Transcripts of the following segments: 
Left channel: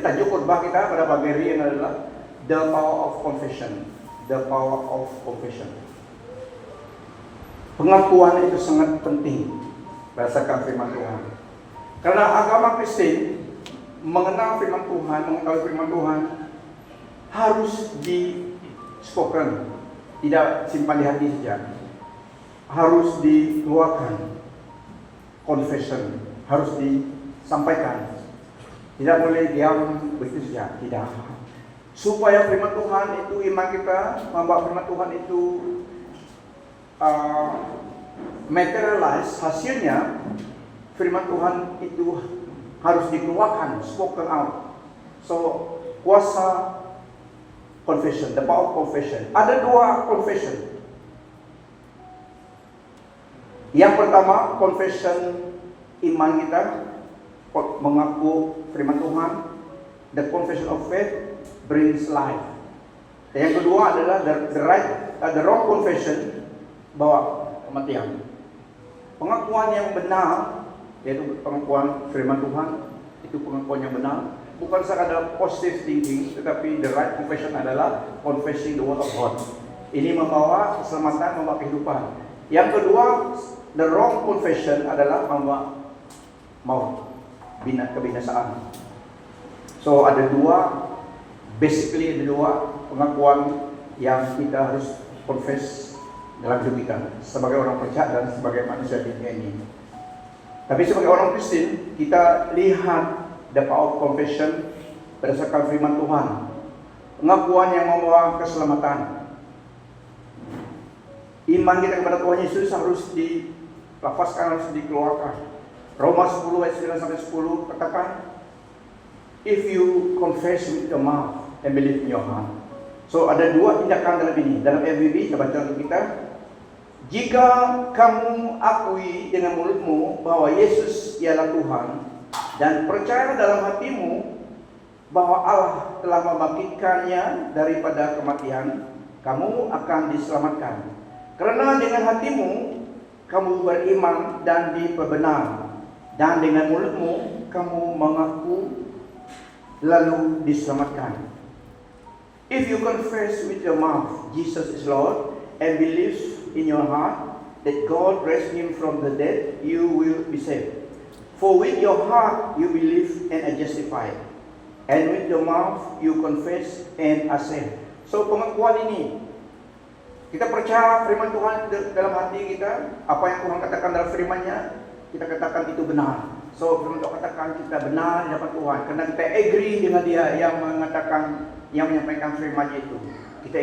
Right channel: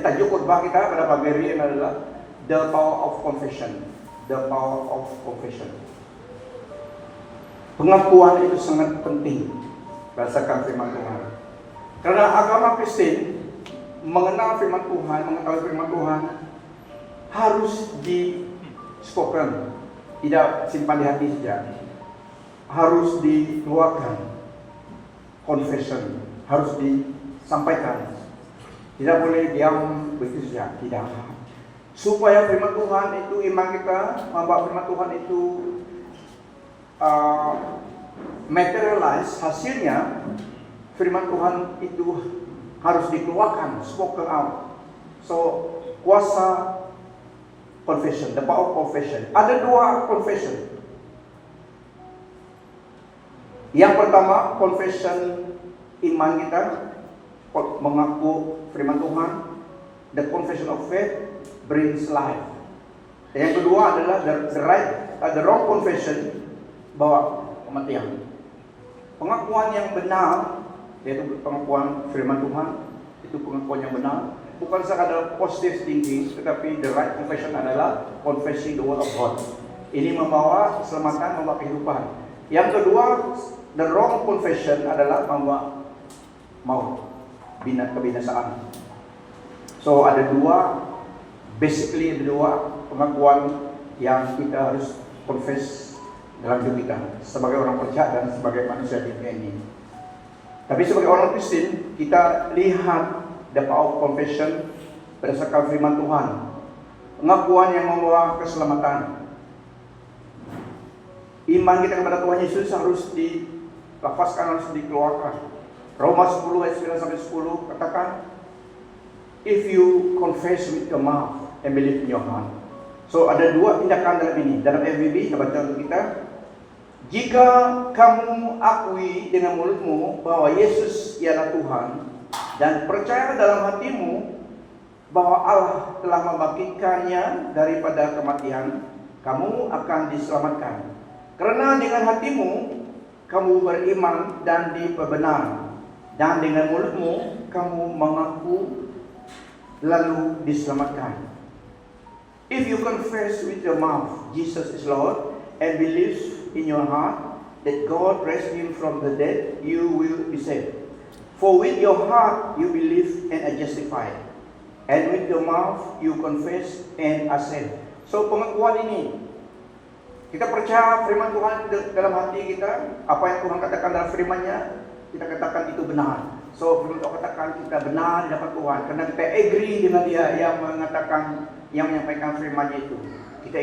Jadi tajuk khotbah kita pada pagi hari ini adalah The Power of Confession. The Power of Confession. Pengakuan itu sangat penting berdasarkan firman Tuhan. Karena agama Kristen mengenal firman Tuhan, mengetahui firman Tuhan harus di spoken, tidak simpan di hati saja. Harus dikeluarkan. Confession harus disampaikan. Tidak boleh diam begitu saja, tidak. Supaya firman Tuhan itu, iman kita membawa firman Tuhan itu materialize, hasilnya firman Tuhan itu harus dikeluarkan, spoken out. So, kuasa confession, the power of confession. Ada dua confession. Yang pertama, confession iman kita, mengaku firman Tuhan. The confession of faith brings life. Dan yang kedua adalah the wrong confession, bawa kematian. Pengakuan yang benar, yaitu pengakuan firman Tuhan, itu pengakuan yang benar. Bukan sekadar positive thinking, tetapi the right confession adalah confessing the word of God. Ini membawa keselamatan, membawa kehidupan. Yang kedua, the wrong confession adalah membawa maut, kebinasaan. So ada dua, basically ada dua pengakuan yang kita harus confess dalam hidup kita sebagai orang percaya dan sebagai manusia di dunia ini. Tapi sebagai orang Kristen, kita lihat the power of confession berdasarkan firman Tuhan. Pengakuan yang membawa keselamatan. Iman kita kepada Tuhan Yesus harus dilafazkan, harus dikeluarkan. Roma 10 ayat 9 sampai 10 katakan, if you confess with your mouth and believe in your heart. So ada dua tindakan dalam ini. Dalam FBB kita baca untuk kita, jika kamu akui dengan mulutmu bahwa Yesus ialah Tuhan dan percaya dalam hatimu bahwa Allah telah membangkitkannya daripada kematian, kamu akan diselamatkan. Karena dengan hatimu kamu beriman dan diperbenar, dan dengan mulutmu kamu mengaku lalu diselamatkan. If you confess with your mouth Jesus is Lord and believe in your heart that God raised him from the dead, you will be saved. For with your heart you believe and are justified, and with your mouth you confess and are saved. So pengakuan ini, kita percaya firman Tuhan dalam hati kita, apa yang Tuhan katakan dalam firman-Nya, kita katakan itu benar. So firman Tuhan katakan kita benar di hadapan Tuhan, karena kita agree dengan Dia yang mengatakan, yang menyampaikan firman-Nya itu. Kita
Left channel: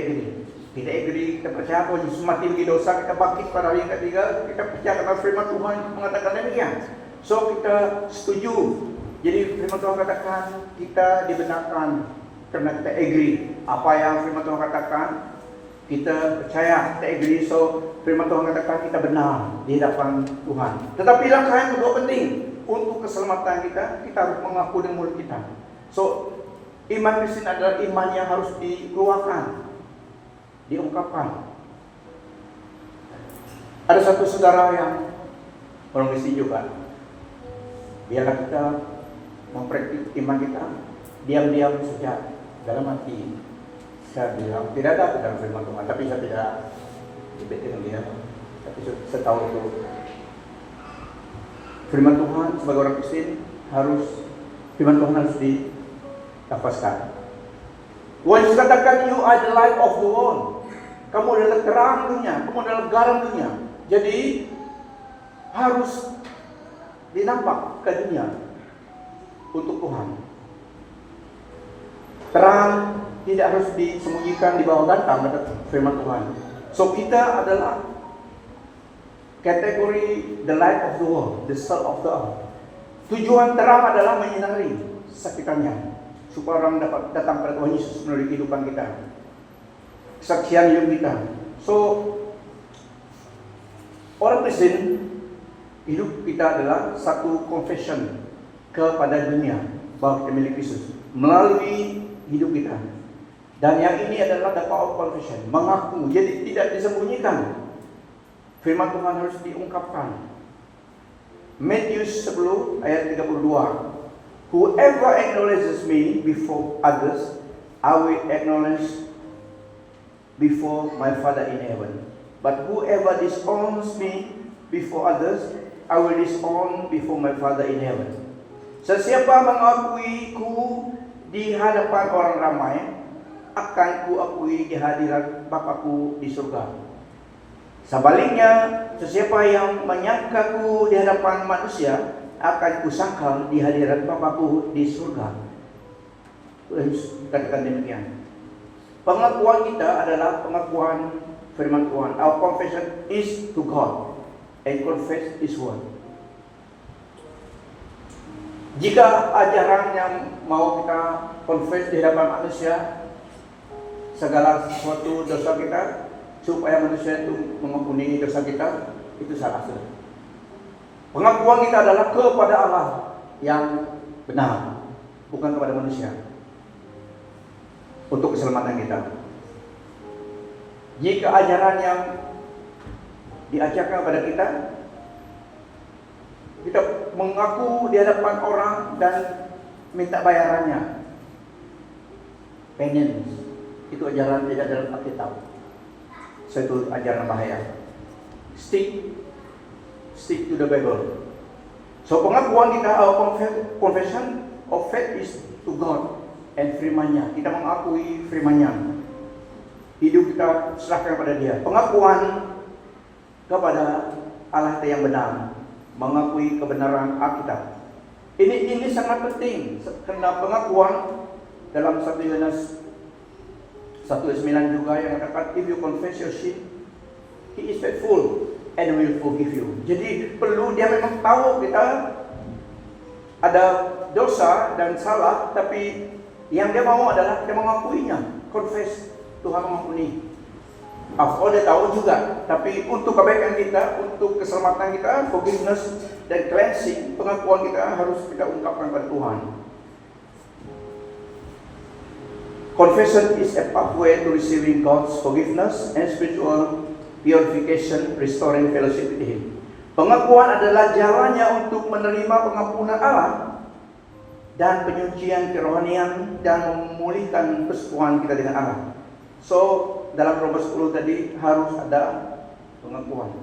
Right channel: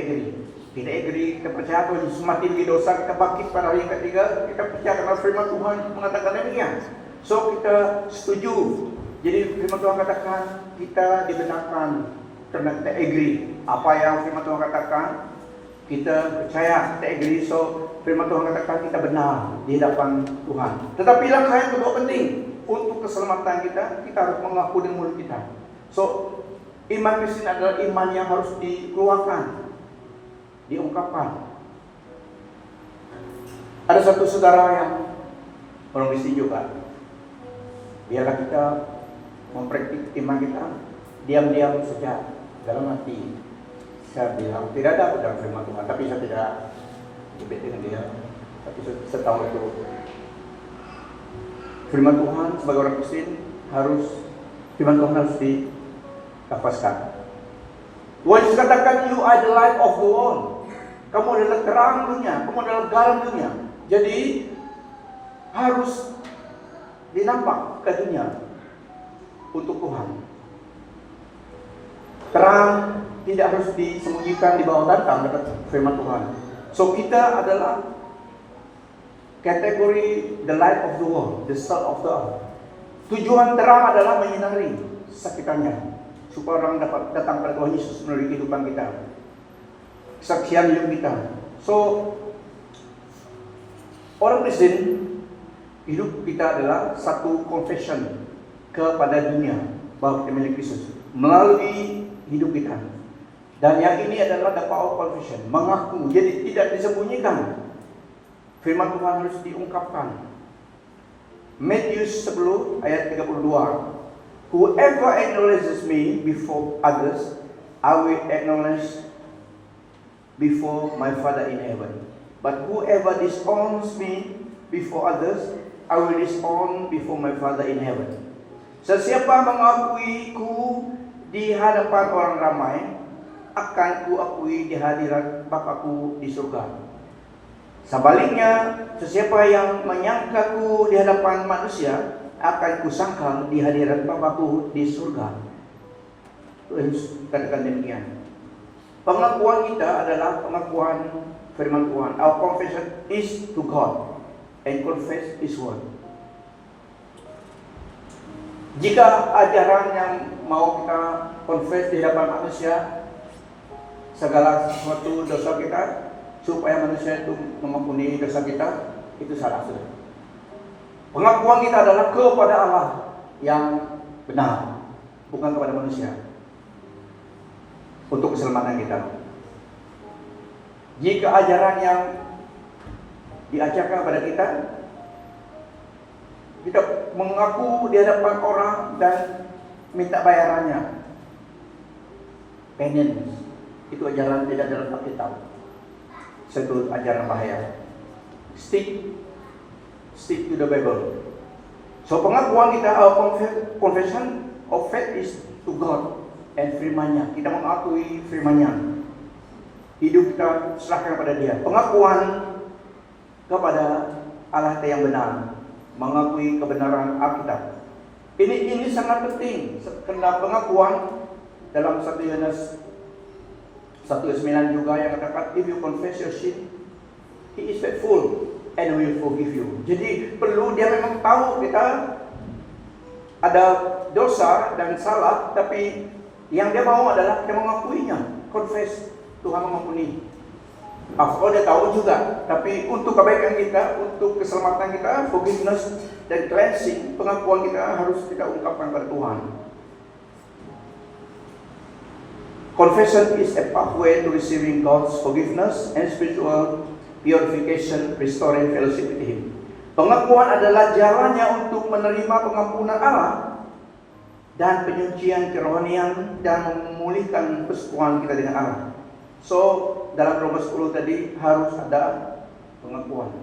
agree, kita percaya bahwa Yesus mati bagi dosa, kita bangkit pada hari yang ketiga, kita percaya karena firman Tuhan mengatakan demikian. So kita setuju. Jadi firman Tuhan katakan kita dibenarkan karena kita agree apa yang firman Tuhan katakan. Kita percaya, kita agree, so firman Tuhan katakan kita benar di hadapan Tuhan. Tetapi langkah yang kedua penting untuk keselamatan kita harus mengaku dengan mulut kita. So iman Kristen adalah iman yang harus dikeluarkan, diungkapkan. Ada satu saudara yang orang Kristen juga, biarlah kita mempraktik iman kita diam-diam saja dalam hati. Saya bilang, tidak ada dalam firman Tuhan, tapi saya tidak debate dengan dia. Tapi saya tahu itu firman Tuhan sebagai orang Kristen firman Tuhan harus dilafazkan. Tuhan Yesus katakan, you are the light of the world. Kamu adalah terang dunia, kamu adalah garam dunia. Jadi harus dinampak ke dunia untuk Tuhan. Terang tidak harus disembunyikan di bawah batang, firman Tuhan. So kita adalah kategori the light of the world, the salt of the earth. Tujuan terang adalah menyinari sekitarnya, supaya orang dapat datang kepada Tuhan Yesus melalui kehidupan kita, kesaksian hidup kita. So orang Kristen, hidup kita adalah satu confession kepada dunia bahwa kita milik Kristus melalui hidup kita. Dan yang ini adalah the power of confession, mengaku, jadi tidak disembunyikan. Firman Tuhan harus diungkapkan. Matius 10 ayat 32. Whoever acknowledges me before others, I will acknowledge before my Father in heaven. But whoever disowns me before others, I will disown before my Father in heaven. Sesiapa mengakui ku di hadapan orang ramai, akan ku akui di hadirat Bapakku di surga. Sebaliknya, sesiapa yang menyangkaku di hadapan manusia, akan kusangkal di hadirat Bapakku di surga. Katakan demikian. Pengakuan kita adalah pengakuan firman Tuhan. Our confession is to God and confess His word. Jika ajaran yang mau kita confess di hadapan manusia, segala sesuatu dosa kita, supaya manusia itu mengampuni dosa kita, itu salah. Pengakuan kita adalah kepada Allah yang benar, bukan kepada manusia, untuk keselamatan kita. Jika ajaran yang diajarkan kepada kita mengaku di hadapan orang dan minta bayarannya, penance, itu ajaran tidak dalam Alkitab. Satu ajaran bahaya. Stick to the Bible. So pengakuan kita, our confession of faith is to God and firman-Nya. Kita mengakui firman-Nya. Hidup kita serahkan kepada Dia. Pengakuan kepada Allah yang benar, mengakui kebenaran Alkitab. Ini sangat penting. Karena pengakuan dalam 1 Yohanes 1:9 juga yang katakan, if you confess your sin, He is faithful and will forgive you. Jadi perlu dia memang tahu kita ada dosa dan salah, tapi yang dia mau adalah kita mengakuinya. Confess, Tuhan mengampuni. After dia tahu juga, tapi untuk kebaikan kita, untuk keselamatan kita, forgiveness dan cleansing, pengakuan kita harus kita ungkapkan kepada Tuhan. Confession is a pathway to receiving God's forgiveness and spiritual purification, restoring fellowship with Him. Pengakuan adalah jalannya untuk menerima pengampunan Allah dan penyucian kerohanian dan memulihkan persekutuan kita dengan Allah. So, dalam Roma 10 tadi harus ada pengakuan,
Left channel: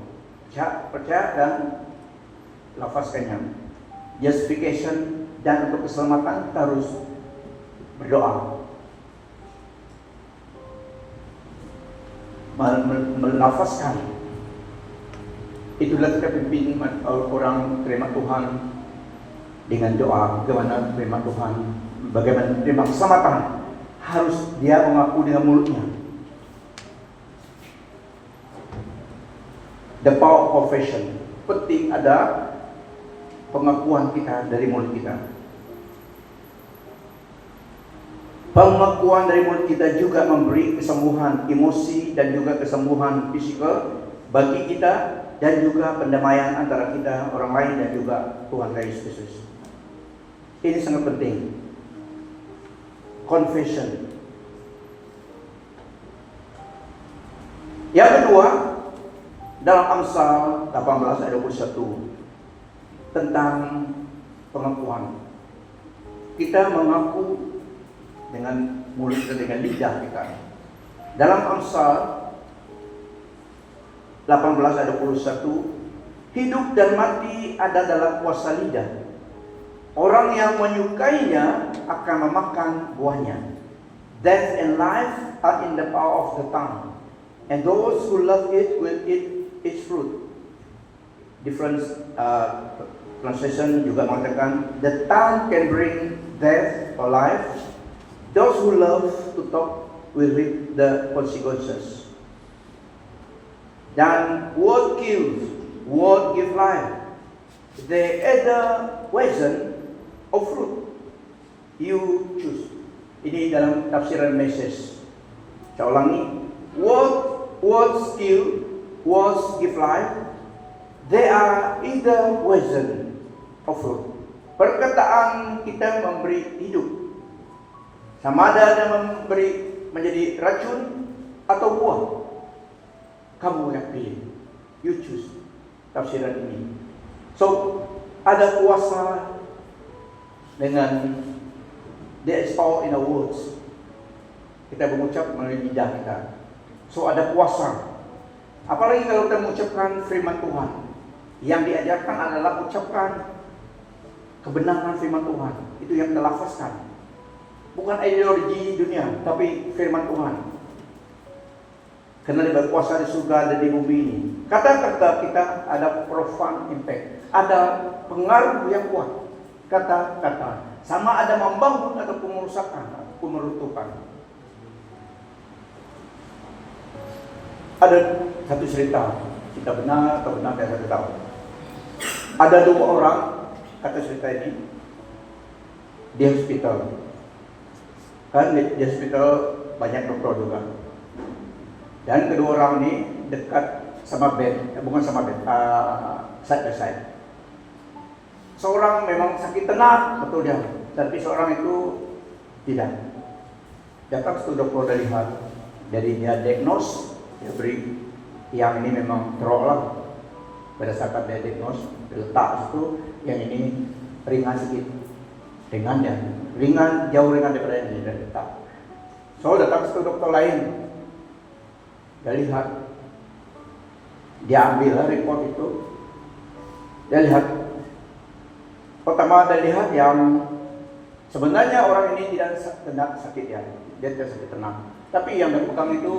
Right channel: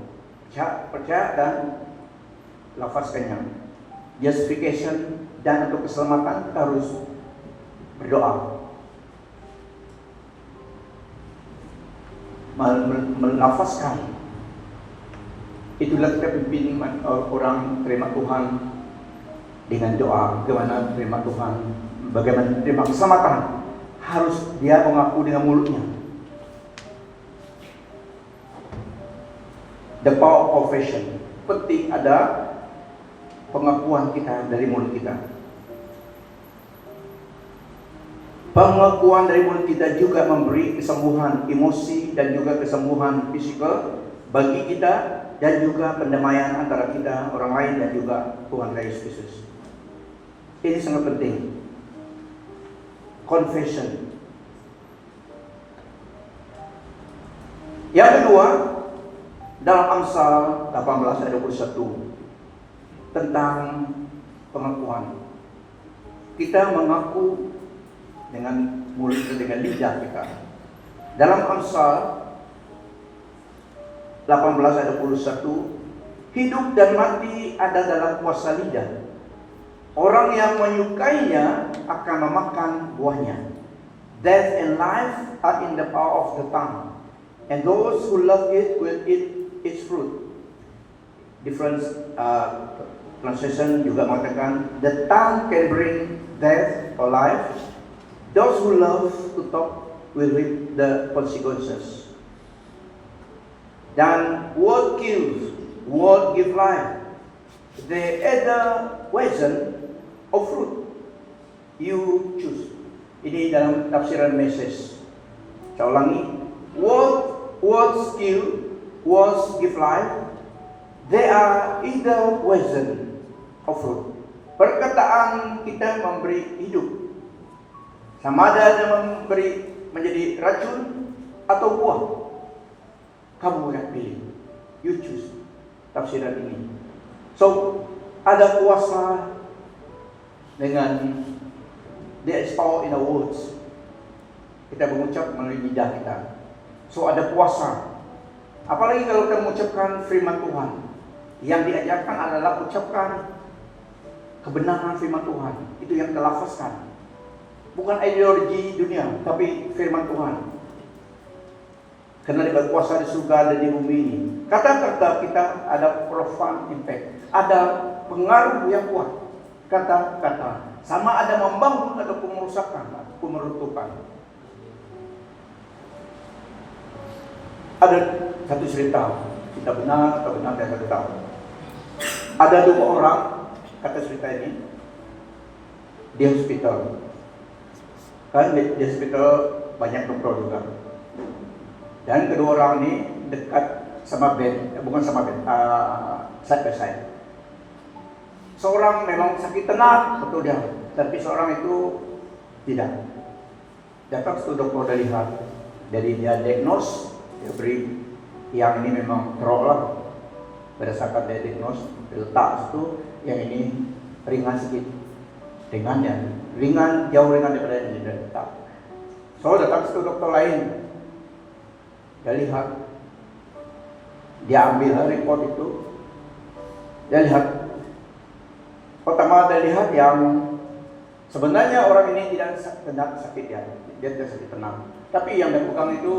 percaya dan lafazkannya. Justification dan untuk keselamatan kita harus berdoa. Melafazkan. Itulah kita pimpin orang terima Tuhan dengan doa. Bagaimana terima Tuhan, bagaimana terima keselamatan, harus dia mengaku dengan mulutnya. The power of confession. Penting ada pengakuan kita dari mulut kita. Pengakuan dari mulut kita juga memberi kesembuhan emosi dan juga kesembuhan fisikal bagi kita, dan juga pendamaian antara kita, orang lain, dan juga Tuhan Yesus Kristus. Ini sangat penting. Confession. Yang kedua, dalam Amsal 18 ayat 21 tentang pengakuan. Kita mengaku dengan mulut kita, dengan lidah kita. Dalam Amsal 18 ayat 21, hidup dan mati ada dalam kuasa lidah. Orang yang menyukainya akan memakan buahnya. Death and life are in the power of the tongue, and those who love it will eat its fruit. Different translation juga mengatakan, the tongue can bring death or life. Those who love to talk will reap the consequences. Dan word kills, word give life. They either poison or fruit. You choose. Ini dalam tafsiran Message. Saya ulangi. Words kill, words give life. They are either poison or fruit. Perkataan kita memberi hidup. Sama ada memberi menjadi racun atau buah. Kamu yang pilih. You choose tafsiran ini. So, ada kuasa dengan there is power in the words. Kita mengucap melalui lidah kita. So ada kuasa. Apalagi kalau kita mengucapkan firman Tuhan. Yang diajarkan adalah ucapkan kebenaran firman Tuhan. Itu yang kita lafazkan. Bukan ideologi dunia, tapi firman Tuhan. Karena dia berkuasa di surga dan di bumi ini. Kata-kata kita ada profound impact. Ada pengaruh yang kuat. Kata-kata. Sama ada membangun atau pengerusakan, pemerutukan. Ada satu cerita benar atau benar saya tahu. Ada dua orang, kata cerita ini, di hospital. Kan di hospital banyak dokter juga. Dan kedua orang ini dekat sama bed, bukan sama bed, side by side. Seorang memang sakit tenat, betul dia. Tapi seorang itu tidak. Datang ke dokter udah lihat, jadi dia diagnose, dia beri yang ini memang terolak. Berdasarkan dia diagnose, letak itu yang ini ringan sedikit, ringan jauh ringan daripada yang dia letak. So datang ke dokter lain, dia lihat, dia ambil report itu, dia lihat. Pertama dia lihat yang sebenarnya orang ini tidak sakit ya, dia tidak sakit tenang. Tapi yang dia pegang itu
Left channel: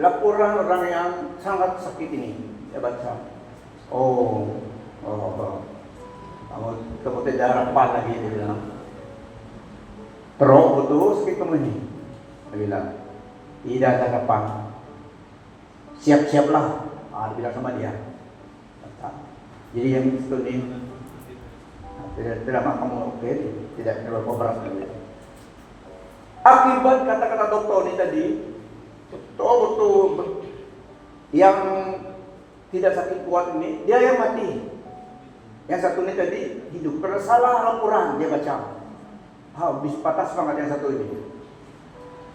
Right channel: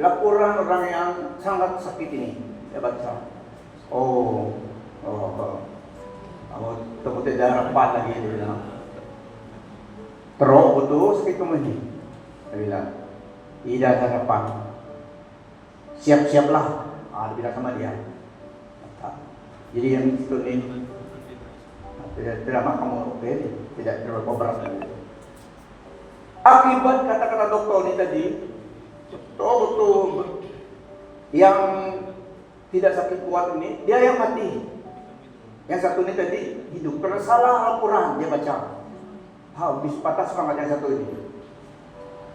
laporan orang yang sangat sakit ini. Dia baca, kamu tidak harapan lagi, dia bilang. Terus betul sakit kamu ini, dia bilang. Tidak ada harapan. Siap-siaplah, dia bilang sama dia. Jadi yang itu ini tidak kamu tidak terlalu berat. Akibat kata-kata dokter ini tadi, betul yang tidak sakit kuat ini, dia yang mati. Yang satu ini tadi hidup karena salah laporan dia baca. Habis patah semangat yang satu ini.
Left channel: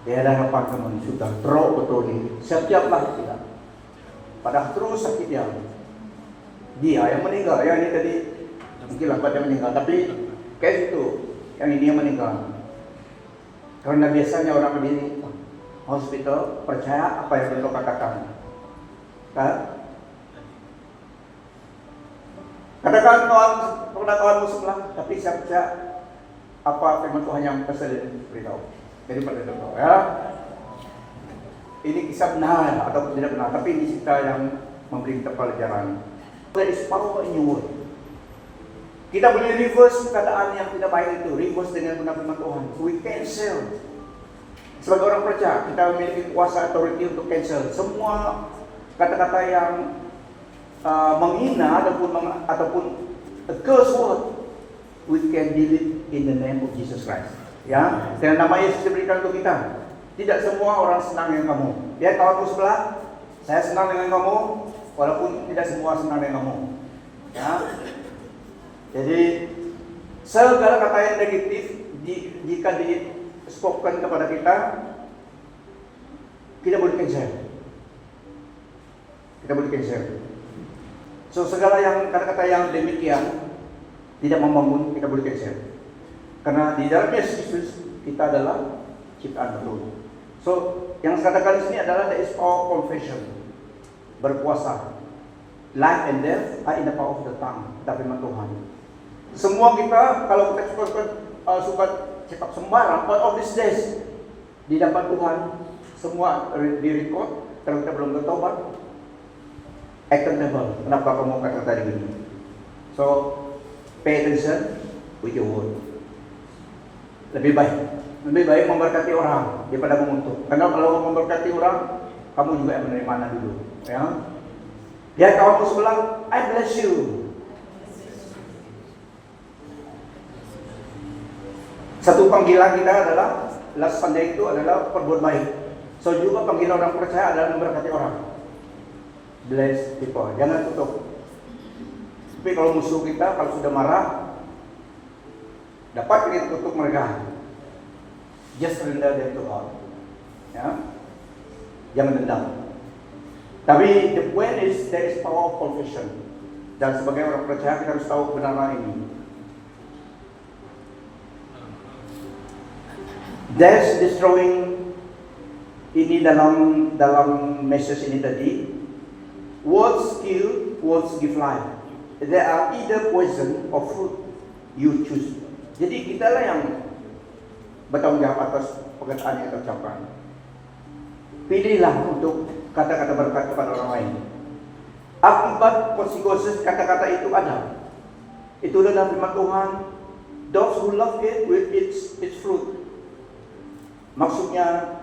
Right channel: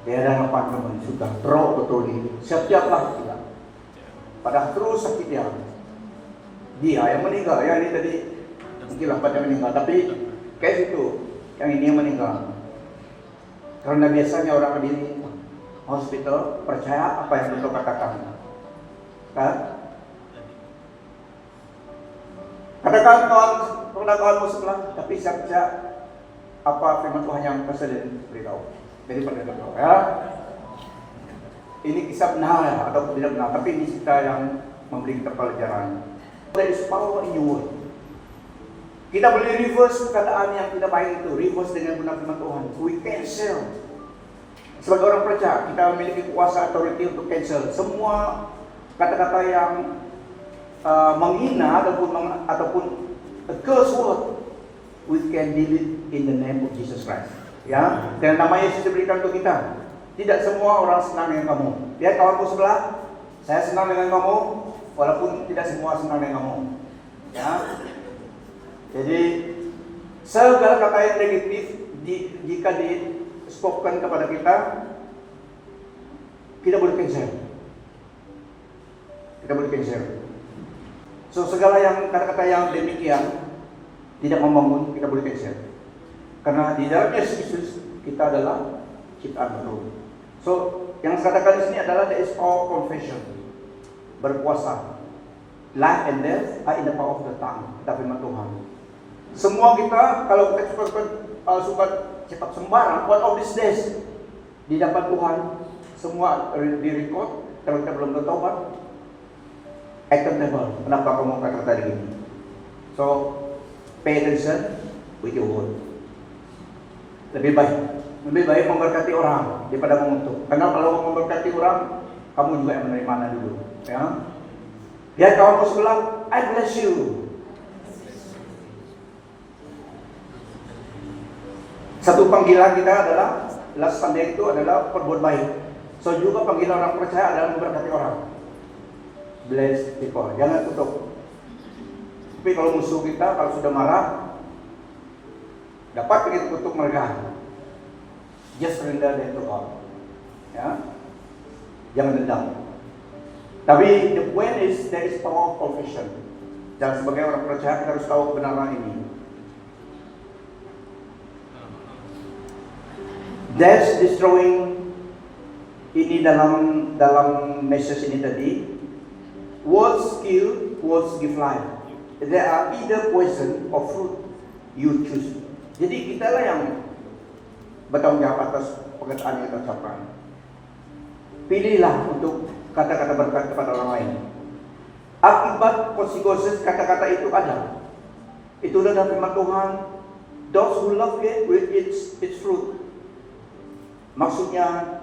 Dia ada harapan teman sudah betul ini. Siap-siaplah tidak. Padahal terus sakit dia. Dia yang meninggal, yang ini tadi mungkin lambat dia meninggal, tapi case itu yang ini yang meninggal. Karena biasanya orang di hospital percaya apa yang dokter katakan, kan? Katakan kawan sebelah, tapi siap-siap apa firman Tuhan yang presiden beritahu. Jadi pada dokter, ya. Ini kisah benar atau tidak benar, tapi ini cerita yang memberi kita pelajaran. There is power in your word. Kita boleh reverse perkataan yang tidak baik itu, reverse dengan benar firman Tuhan. We cancel. Sebagai orang percaya, kita memiliki kuasa authority untuk cancel semua kata-kata yang menghina ataupun a curse word. We can delete in the name of Jesus Christ. Ya, dan nama Yesus diberikan untuk kita. Tidak semua orang senang dengan kamu. Lihat kawanku sebelah, saya senang dengan kamu, walaupun tidak semua senang dengan kamu. Ya. Jadi segala kata yang negatif jika di-spoken kepada kita boleh cancel. Kita boleh cancel. So segala yang kata-kata yang demikian tidak membangun, kita boleh cancel. Karena di dalam Yesus kita adalah ciptaan baru. So yang saya katakan di sini adalah there is power confession, berkuasa. Life and death are in the power of the tongue. Kita firman Tuhan. Semua kita kalau kita suka cepat sembarang, one of these days di hadapan Tuhan semua direkod. Kalau kita belum bertobat, accountable. Kenapa kamu kata tadi gini? So pay attention with your word. Lebih baik memberkati orang daripada mengutuk. Karena kalau memberkati orang, kamu juga yang menerima dulu. Ya. Lihat kawanmu sebelah, I bless you. Satu panggilan kita adalah last Sunday itu adalah perbuat baik. So juga panggilan orang percaya adalah memberkati orang. Bless people. Jangan tutup. Tapi kalau musuh kita kalau sudah marah, dapat kita tutup mereka. Just rendah dan Tuhan. Ya. Jangan dendam. Tapi the point is there is power of confession. Dan sebagai orang percaya kita harus tahu kebenaran ini. That's destroying ini dalam message ini tadi. Words kill, words give life. There are either poison or fruit. You choose. Jadi kita lah yang bertanggung jawab atas perkataan yang kita ucapkan. Pilihlah untuk kata-kata berkat kepada orang lain. Akibat konsekuensi kata-kata itu ada. Itulah dalam firman Tuhan. Those who love it will eat its fruit. Maksudnya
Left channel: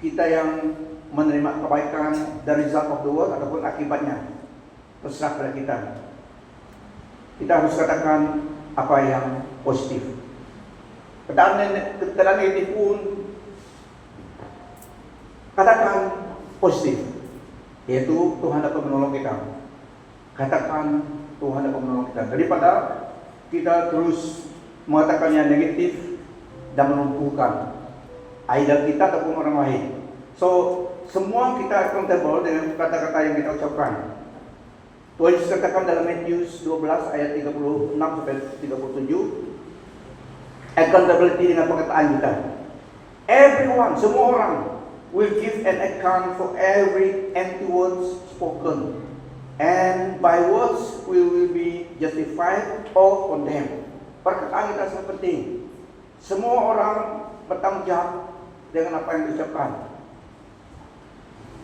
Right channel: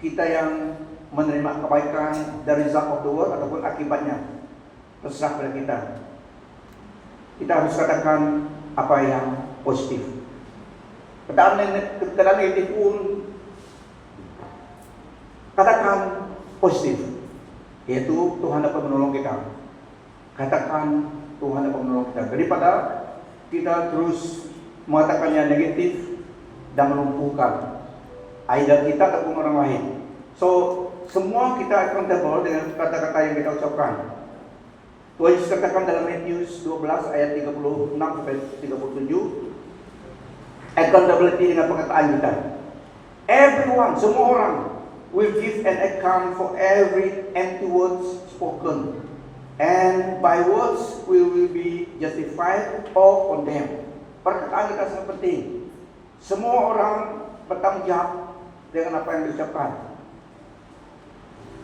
kita yang menerima kebaikan dari result of the world ataupun akibatnya terserah pada kita. Kita harus katakan apa yang positif. Keadaan negatif pun katakan positif, yaitu Tuhan dapat menolong kita. Katakan Tuhan dapat menolong kita daripada kita terus mengatakan yang negatif dan melumpuhkan either kita ataupun orang lain. So semua kita accountable dengan kata-kata yang kita ucapkan. Tuhan Yesus katakan dalam Matius 12 ayat 36 sampai 37, accountability dengan perkataan kita. Everyone, semua orang will give an account for every empty words spoken, and by words we will be justified or condemned. Perkataan kita sangat penting. Semua orang bertanggung jawab dengan apa yang diucapkan.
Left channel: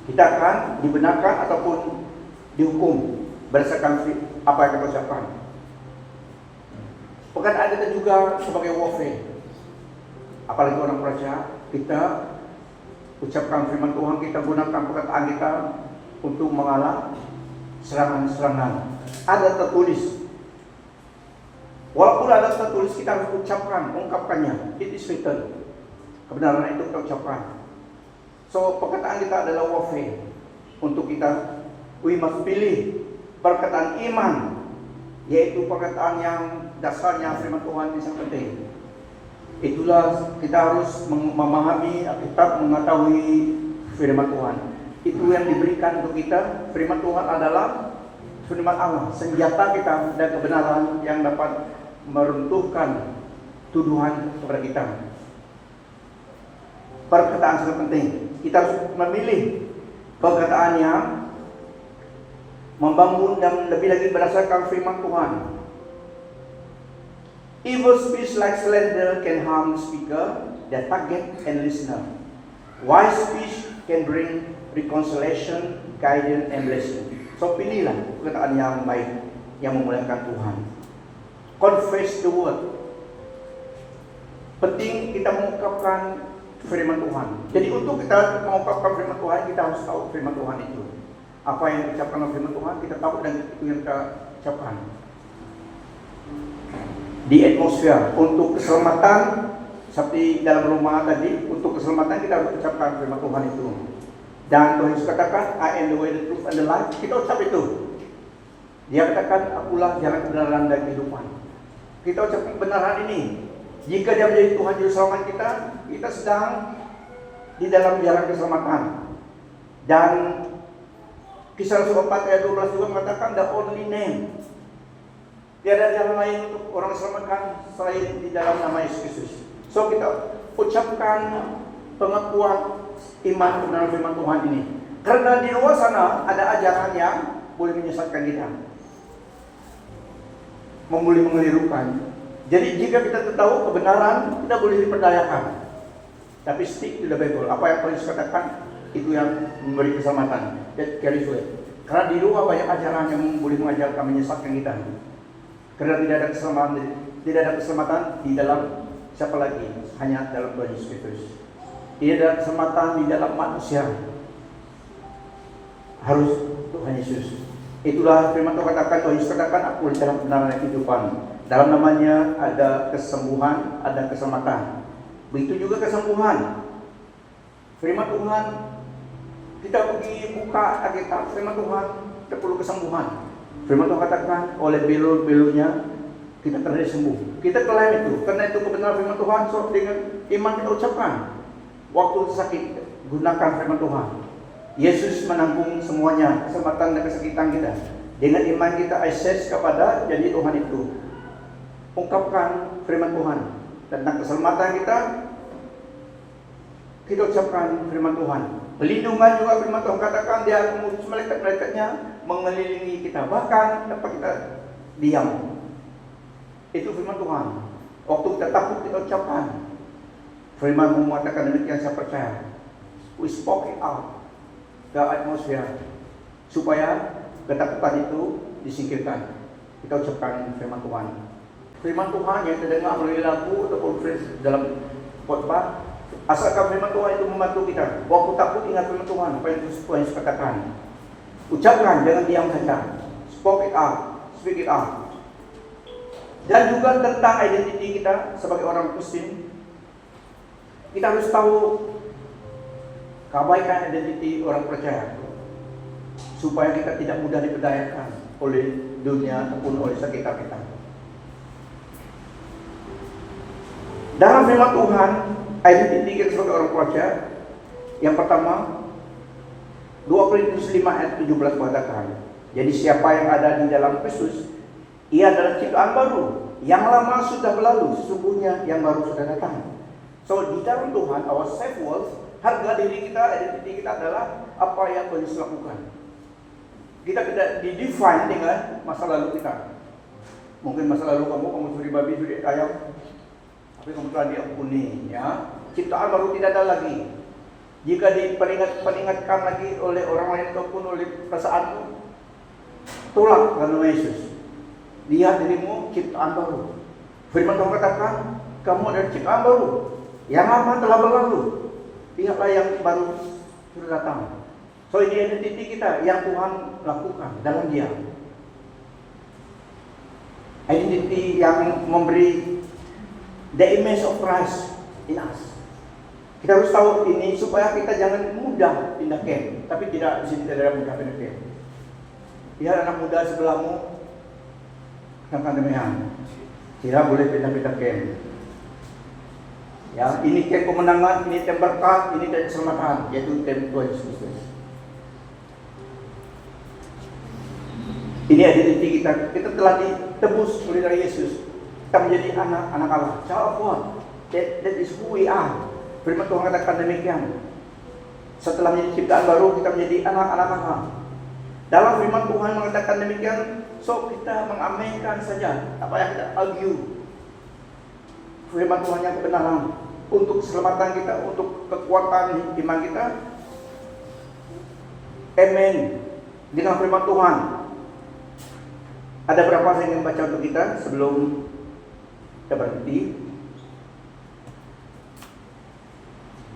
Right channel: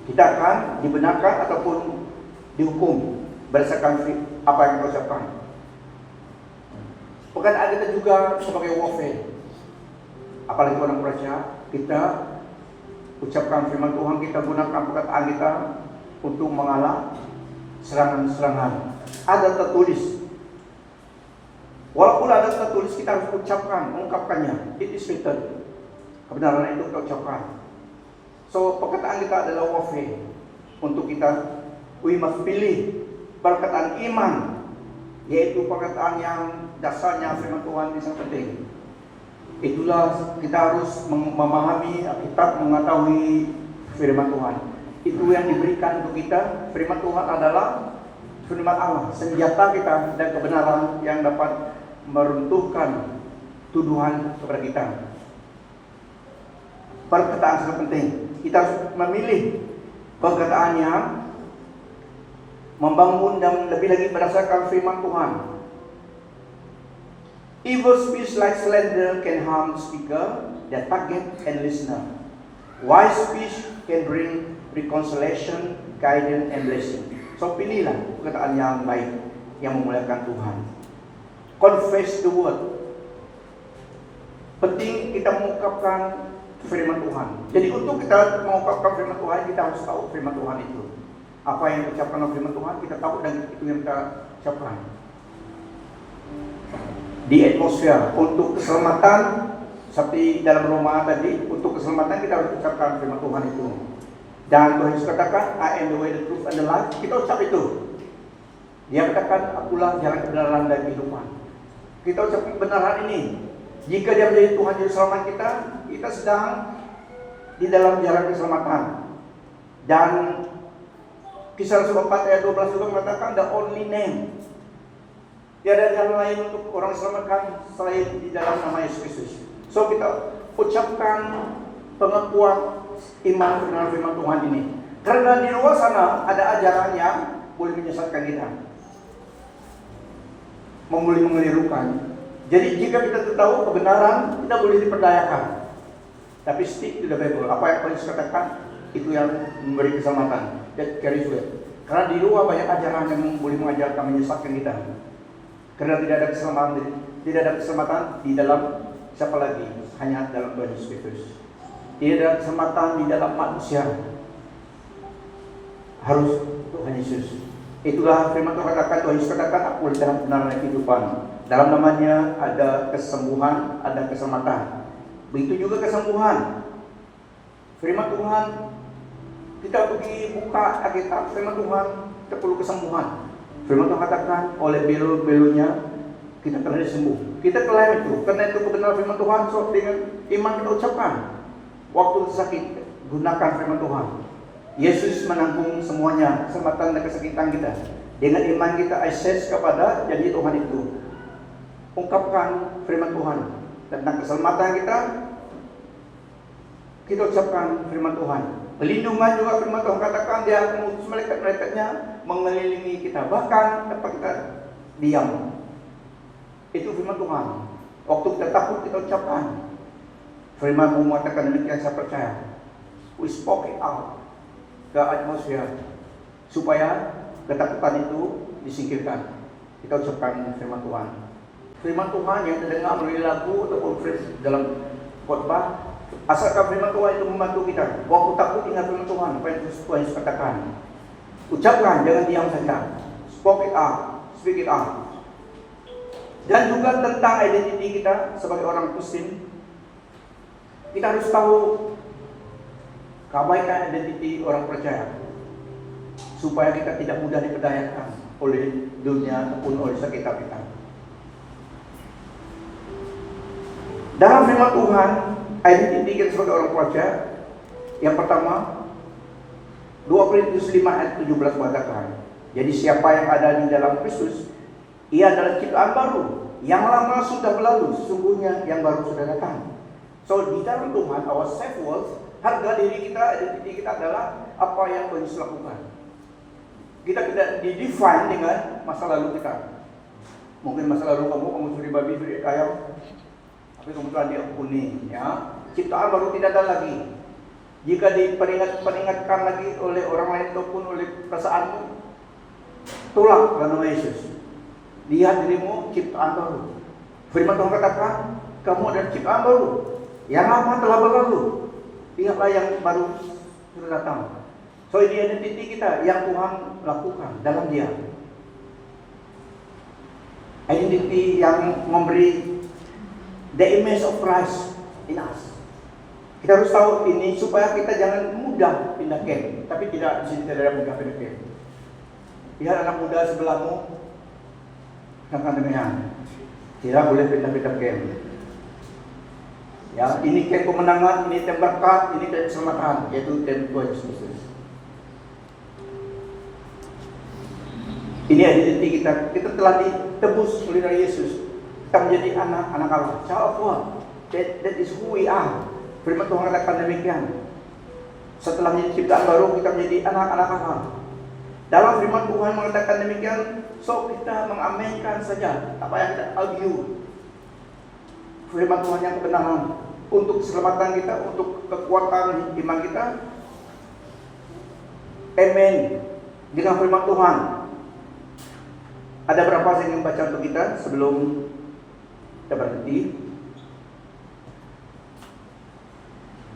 Kita akan dibenarkan ataupun dihukum berdasarkan apa yang kita ucapkan. Perkataan kita juga sebagai warfare. Apalagi orang percaya, kita ucapkan firman Tuhan, kita gunakan perkataan kita untuk mengalah serangan-serangan. Ada tertulis. Walaupun ada tertulis, kita harus ucapkan, mengungkapkannya. It is written. Kebenaran itu kita ucapkan. So, perkataan kita adalah warfare. Untuk kita, we must pilih perkataan iman, yaitu perkataan yang dasarnya firman Tuhan yang sangat penting. Itulah kita harus memahami, kita mengetahui firman Tuhan. Itu yang diberikan untuk kita. Firman Tuhan adalah firman Allah, senjata kita dan kebenaran yang dapat meruntuhkan tuduhan kepada kita. Perkataan sangat penting. Kita harus memilih perkataan yang membangun dan lebih lagi berdasarkan firman Tuhan. Evil speech like slander can harm speaker, the target, and listener. Wise speech can bring reconciliation, guidance, and blessing. So pilihlah perkataan yang baik, yang memuliakan Tuhan. Confess the word. Penting kita mengungkapkan firman Tuhan. Jadi untuk kita mengungkapkan firman Tuhan, kita harus tahu firman Tuhan itu. Apa yang diucapkan oleh firman Tuhan, kita tahu dan itu yang kita ucapkan. Di atmosfer untuk keselamatan, seperti dalam Roma tadi, untuk keselamatan kita harus ucapkan firman Tuhan itu. Dan Tuhan Yesus katakan, I am the way, the truth, and the life. Kita ucap itu. Dia katakan, akulah jalan kebenaran dan kehidupan. Kita ucapkan kebenaran ini. Jika dia menjadi Tuhan Juru Selamat kita, kita sedang di dalam jalan keselamatan. Dan Kisah Rasul 4 ayat 12 juga mengatakan the only name. Tiada jalan lain untuk orang selamatkan selain di dalam nama Yesus Kristus. So kita ucapkan pengakuan iman kebenaran firman Tuhan ini. Karena di luar sana ada ajaran yang boleh menyesatkan kita, boleh mengelirukan. Jadi jika kita tahu kebenaran, kita boleh diperdayakan. Tapi stick to the Bible. Apa yang Paulus katakan itu yang memberi keselamatan. Karena di luar banyak ajaran yang boleh mengajarkan menyesatkan kita. Karena tidak ada keselamatan di dalam siapa lagi? Hanya dalam Tuhan Yesus Kristus. Tidak ada keselamatan di dalam manusia. Harus Tuhan Yesus. Itulah firman Tuhan katakan, Tuhan Yesus katakan, aku dalam kebenaran kehidupan. Dalam namanya ada kesembuhan, ada keselamatan. Begitu juga kesembuhan. Firman Tuhan, kita pergi buka Alkitab, firman Tuhan, kita perlu kesembuhan. Firman Tuhan katakan, oleh belu-belunya kita telah disembuh. Kita telah itu, karena itu kebenaran firman Tuhan. So dengan iman kita ucapkan, waktu sakit gunakan firman Tuhan. Yesus menanggung semuanya, kesempatan dan kesakitan kita. Dengan iman kita akses kepada janji Tuhan itu. Ungkapkan firman Tuhan tentang keselamatan kita, kita ucapkan firman Tuhan. Pelindungan juga firman Tuhan katakan dia akan mengutus malaikat-malaikatnya mengelilingi kita. Bahkan tanpa kita diam. Itu firman Tuhan. Waktu kita takut kita ucapkan. Firman mengatakan demikian, saya percaya. We spoke it out ke atmosfer supaya ketakutan itu disingkirkan. Kita ucapkan firman Tuhan. Firman Tuhan yang terdengar melalui lagu atau dalam khotbah, asalkan firman Tuhan itu membantu kita. Waktu takut ingat firman Tuhan, apa yang Tuhan katakan. Ucapkan, jangan diam saja. Speak it out, speak it out. Dan juga tentang identiti kita sebagai orang Kristen, kita harus tahu kebaikan identiti orang percaya, supaya kita tidak mudah diperdayakan oleh dunia ataupun oleh sekitar kita. Dalam firman Tuhan, identiti kita sebagai orang percaya, yang pertama 2 Korintus 5 ayat 17 mengatakan, jadi siapa yang ada di dalam Kristus, ia adalah ciptaan baru. Yang lama sudah berlalu, sesungguhnya yang baru sudah datang. So di dalam Tuhan, our safe words, harga diri kita, identiti kita adalah apa yang Yesus lakukan. Kita tidak didefine dengan masa lalu kita. Mungkin masa lalu kamu suri babi, suri ayam, tapi kemudian diampuni, ya. Ciptaan baru tidak ada lagi. Jika diperingatkan lagi oleh orang lain ataupun oleh perasaanmu, tolak dalam nama Yesus. Lihat dirimu ciptaan baru. Firman Tuhan katakan, kamu adalah ciptaan baru. Yang lama telah berlalu. Lihatlah yang baru sudah datang. So ini identiti kita yang Tuhan lakukan dalam Dia. Identiti yang memberi the image of Christ in us. Kita harus tahu ini supaya kita jangan mudah pindah camp. Tapi tidak, di sini tidak ada mudah pindah camp. Lihat anak muda sebelahmu, katakan demikian, tidak boleh pindah-pindah camp. Ya, ini camp kemenangan, ini camp berkat, ini camp keselamatan, yaitu camp Tuhan Yesus. Ini identiti kita. Kita telah ditebus oleh dari Yesus. Kita menjadi anak-anak Allah, child of God. That is who we are. Firman Tuhan katakan demikian. Setelah menjadi ciptaan baru, kita menjadi anak-anak Allah. Dalam firman Tuhan mengatakan demikian, so kita mengaminkan saja apa yang kita argue. Firman Tuhan yang kebenaran untuk keselamatan kita, untuk kekuatan iman kita. Amen. Dengan firman Tuhan. Ada berapa saya ingin baca untuk kita sebelum kita berhenti.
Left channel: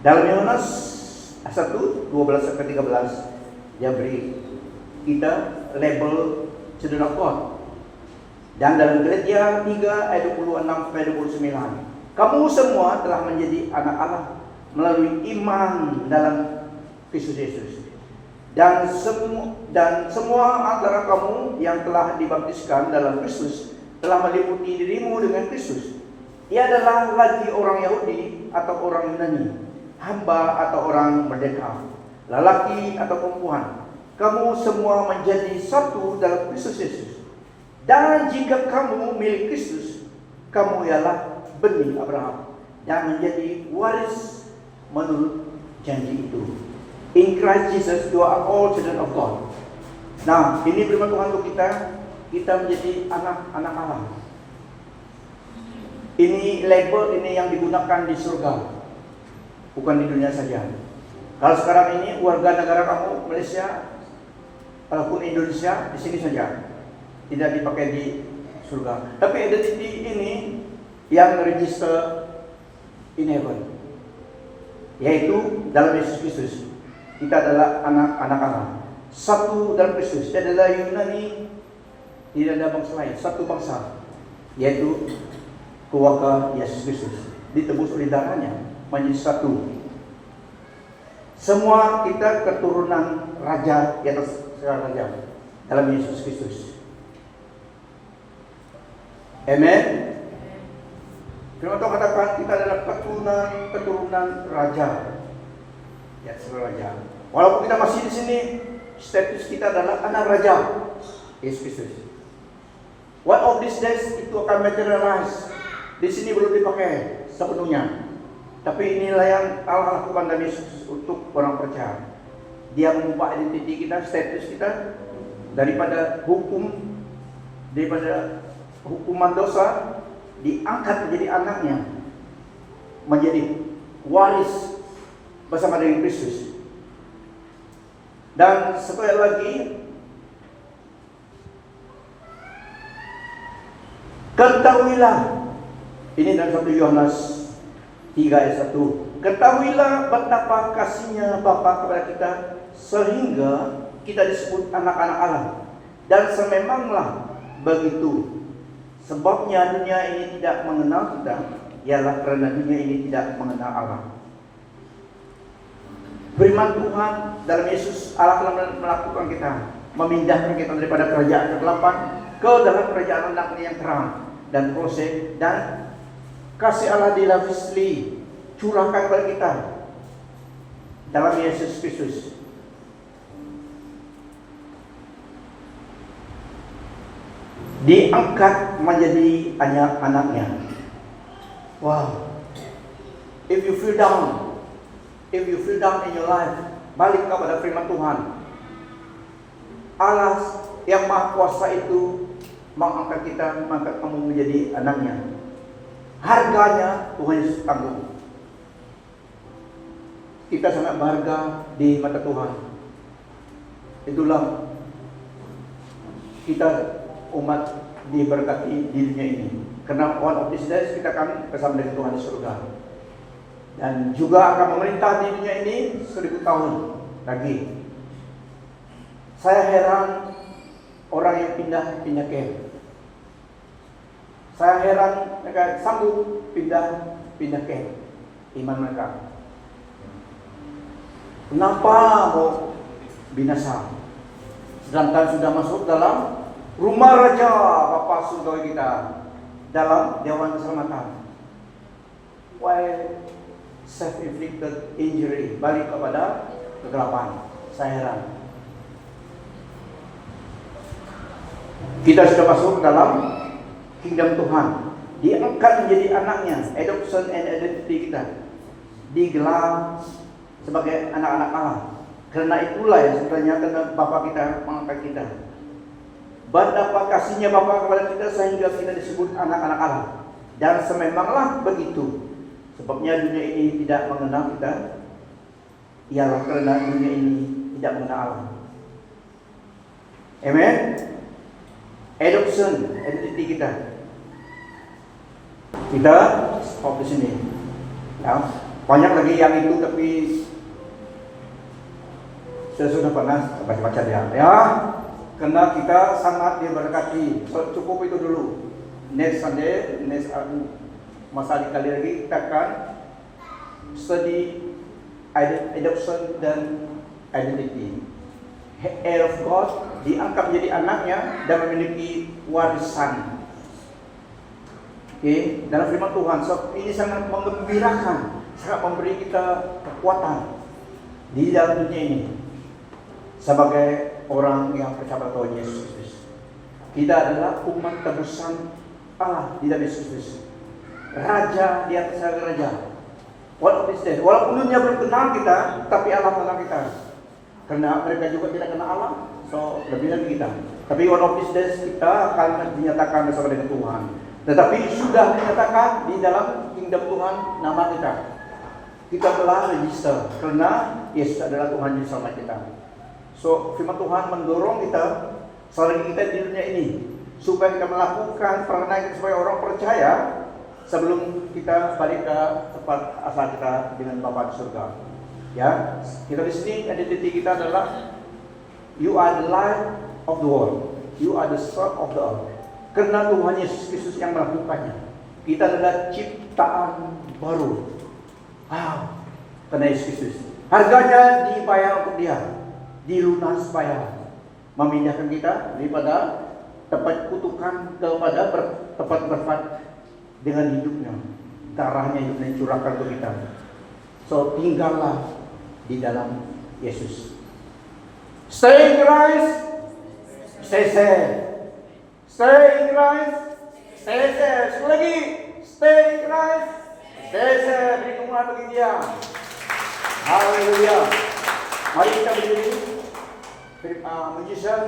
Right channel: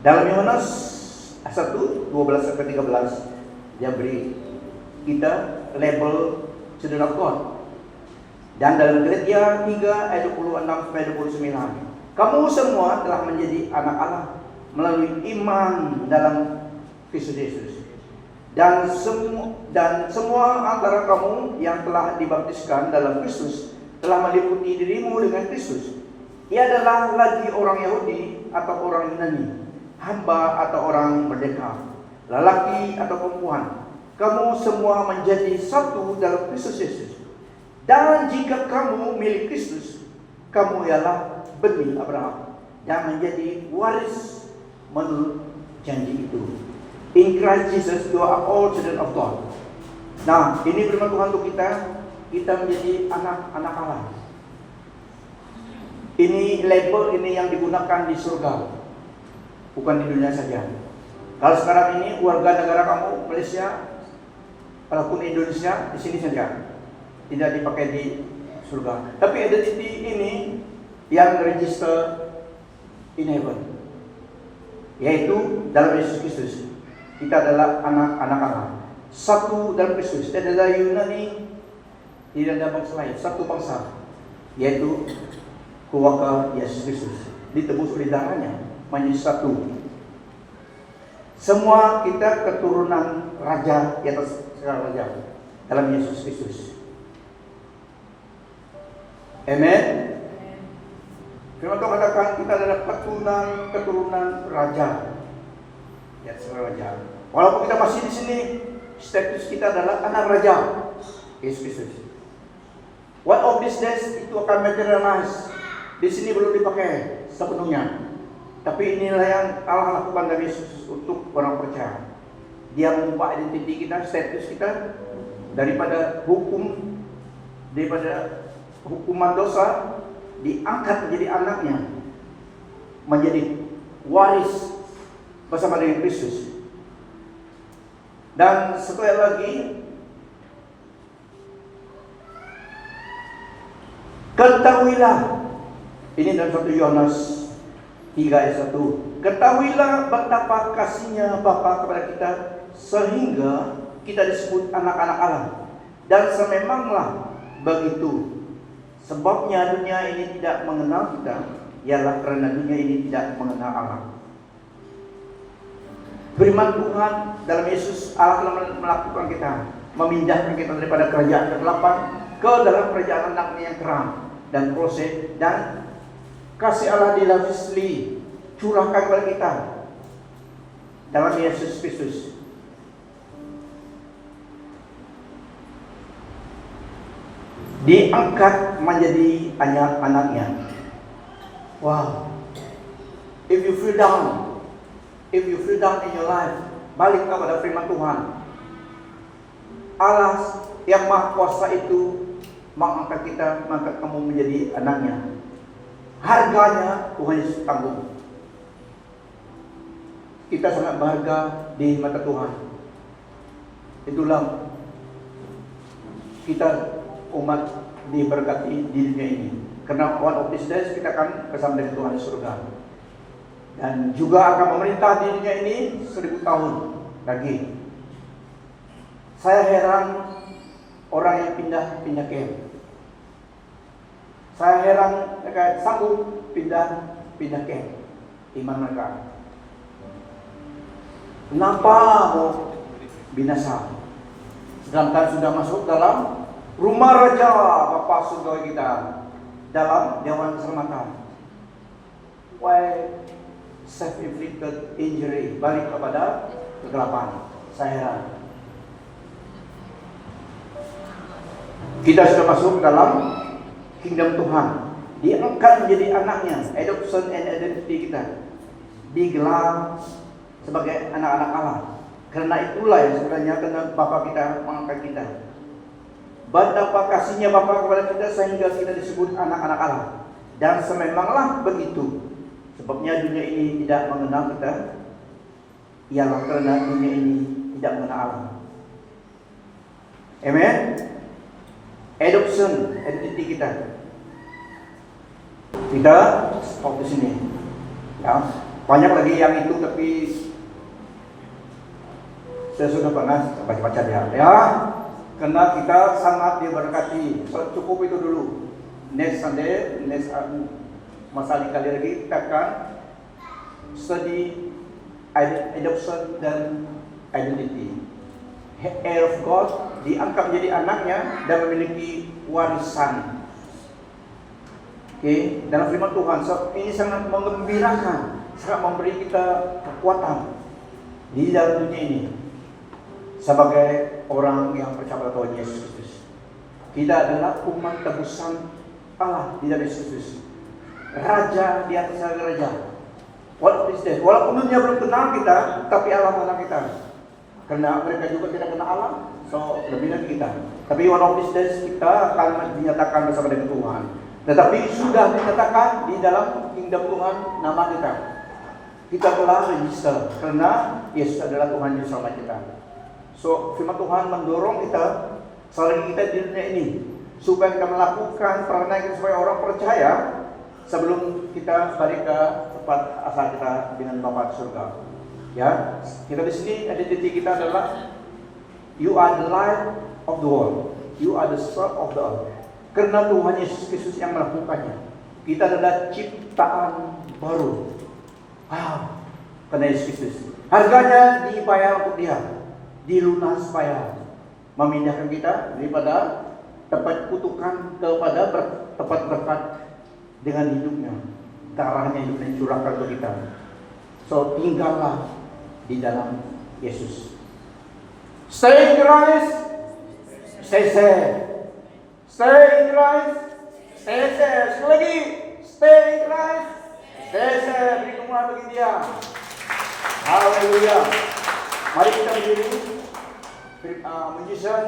Dalam Yohanes 1, 12-13 dia beri kita label children of God. Dan dalam Gereja 3 ayat 26-29, kamu semua telah menjadi anak Allah melalui iman dalam Kristus Yesus. Dan semua antara kamu yang telah dibaptiskan dalam Kristus telah meliputi dirimu dengan Kristus. Ia adalah lagi orang Yahudi atau orang Yunani, hamba atau orang merdeka, lelaki atau perempuan. Kamu semua menjadi satu dalam Kristus Yesus. Dan jika kamu milik Kristus, kamu ialah benih Abraham yang menjadi waris menurut janji itu. In Christ Jesus, you are all children of God. Nah, ini firman Tuhan untuk kita menjadi anak-anak Allah. Ini label ini yang digunakan di surga, bukan di dunia saja. Kalau sekarang ini warga negara kamu Malaysia, walaupun Indonesia, di sini saja, tidak dipakai di surga. Tapi identity ini yang register in heaven, yaitu dalam Yesus Kristus. Kita adalah anak-anak Allah, satu dalam Kristus. Tidak ada Yunani, tidak ada bangsa lain, satu bangsa, yaitu keluarga Yesus Kristus, ditebus oleh darahnya menjadi satu. Semua kita keturunan raja di atas segala raja dalam Yesus Kristus. Amen. Firman Tuhan katakan kita adalah keturunan raja di atas segala raja. Walaupun kita masih di sini, status kita adalah anak raja Yesus Kristus. One of these days itu akan materialize. Di sini belum dipakai sepenuhnya. Tapi inilah yang Allah lakukan dari Yesus untuk orang percaya. Dia mengubah identiti kita, status kita daripada hukuman dosa, diangkat menjadi anaknya, menjadi waris bersama dengan Kristus. Dan sekali lagi, ketahuilah, ini dalam 1 Yohanes 3 ayat 1. Ketahuilah betapa kasihnya Bapa kepada kita sehingga kita disebut anak-anak Allah. Dan sememanglah begitu. Sebabnya dunia ini tidak mengenal kita, ialah karena dunia ini tidak mengenal Allah. Firman Tuhan dalam Yesus, Allah telah melakukan kita, memindahkan kita daripada kerajaan kegelapan ke dalam kerajaan anaknya yang terang. Dan proses dan kasih Allah dilavishly curahkan kepada kita dalam Yesus Kristus. Diangkat menjadi anak-anaknya. Wow. If you feel down in your life, balik kepada firman Tuhan. Allah yang Maha Kuasa itu mengangkat kita, mengangkat kamu menjadi anaknya. Harganya Tuhan Yesus tanggung. Kita sangat berharga di mata Tuhan. Itulah kita umat diberkati di dunia ini. Karena one of these days kita akan bersama dengan Tuhan di surga. Dan juga akan memerintah di dunia ini 1000 tahun lagi. Saya heran orang yang pindah ke. Saya heran mereka sanggup pindah ke iman mereka. Kenapa mau binasa? Sedangkan sudah masuk dalam rumah Raja Bapa surga kita, dalam dewan keselamatan. Why self-inflicted injury, balik kepada kegelapan? Saya heran. Kita sudah masuk dalam kingdom Tuhan, diangkat menjadi anaknya, adoption and identity kita, digelar sebagai anak-anak Allah. Karena itulah yang sebenarnya karena Bapa kita mengangkat kita. Betapa kasihnya Bapa kepada kita sehingga kita disebut anak-anak Allah. Dan sememanglah begitu. Sebabnya dunia ini tidak mengenal kita, ialah karena dunia ini tidak mengenal Allah. Amen. Adoption, identity kita. Kita stop di sini. Ya, banyak lagi yang itu, tapi saya sudah pernah baca-baca dia. Ya, karena kita sangat diberkati. So, cukup itu dulu. Next Sunday, masa kali lagi kita akan study adoption dan identity. Heir of God, diangkat menjadi anaknya dan memiliki warisan. Oke, dalam firman Tuhan. So, ini sangat menggembirakan, sangat memberi kita kekuatan di dalam dunia ini sebagai orang yang percaya pada Tuhan Yesus Kristus. Kita adalah umat tebusan Allah di dalam Yesus Kristus, Raja di atas segala raja. Walaupun dunia belum kenal kita, tapi Allah kenal kita. Karena mereka juga tidak kenal Allah, so lebih dari kita. Tapi one of these days kita akan dinyatakan bersama dengan Tuhan. Tetapi sudah dinyatakan di dalam kingdom Tuhan nama kita. Kita telah register karena Yesus adalah Tuhan yang selamat kita. So firman Tuhan mendorong kita selagi kita di dunia ini supaya kita melakukan peranakan supaya orang percaya sebelum kita balik ke tempat asal kita dengan Bapa di surga. Ya, kita di sini identiti kita adalah you are the light of the world, you are the salt of the earth. Karena Tuhan Yesus Kristus yang melakukannya, kita adalah ciptaan baru. Wow, karena Yesus Kristus, harganya dibayar untuk Dia, dilunas bayar, memindahkan kita daripada tempat kutukan kepada tempat berkat dengan hidupnya, darahnya hidupnya curahkan ke kita. So tinggallah di dalam Yesus. Stay in Christ, stay safe. Stay in Christ, stay safe. Sekali lagi, stay in Christ, Kaya saya beri kemuliaan bagi dia. Haleluya. Mari kita berdiri. Magician,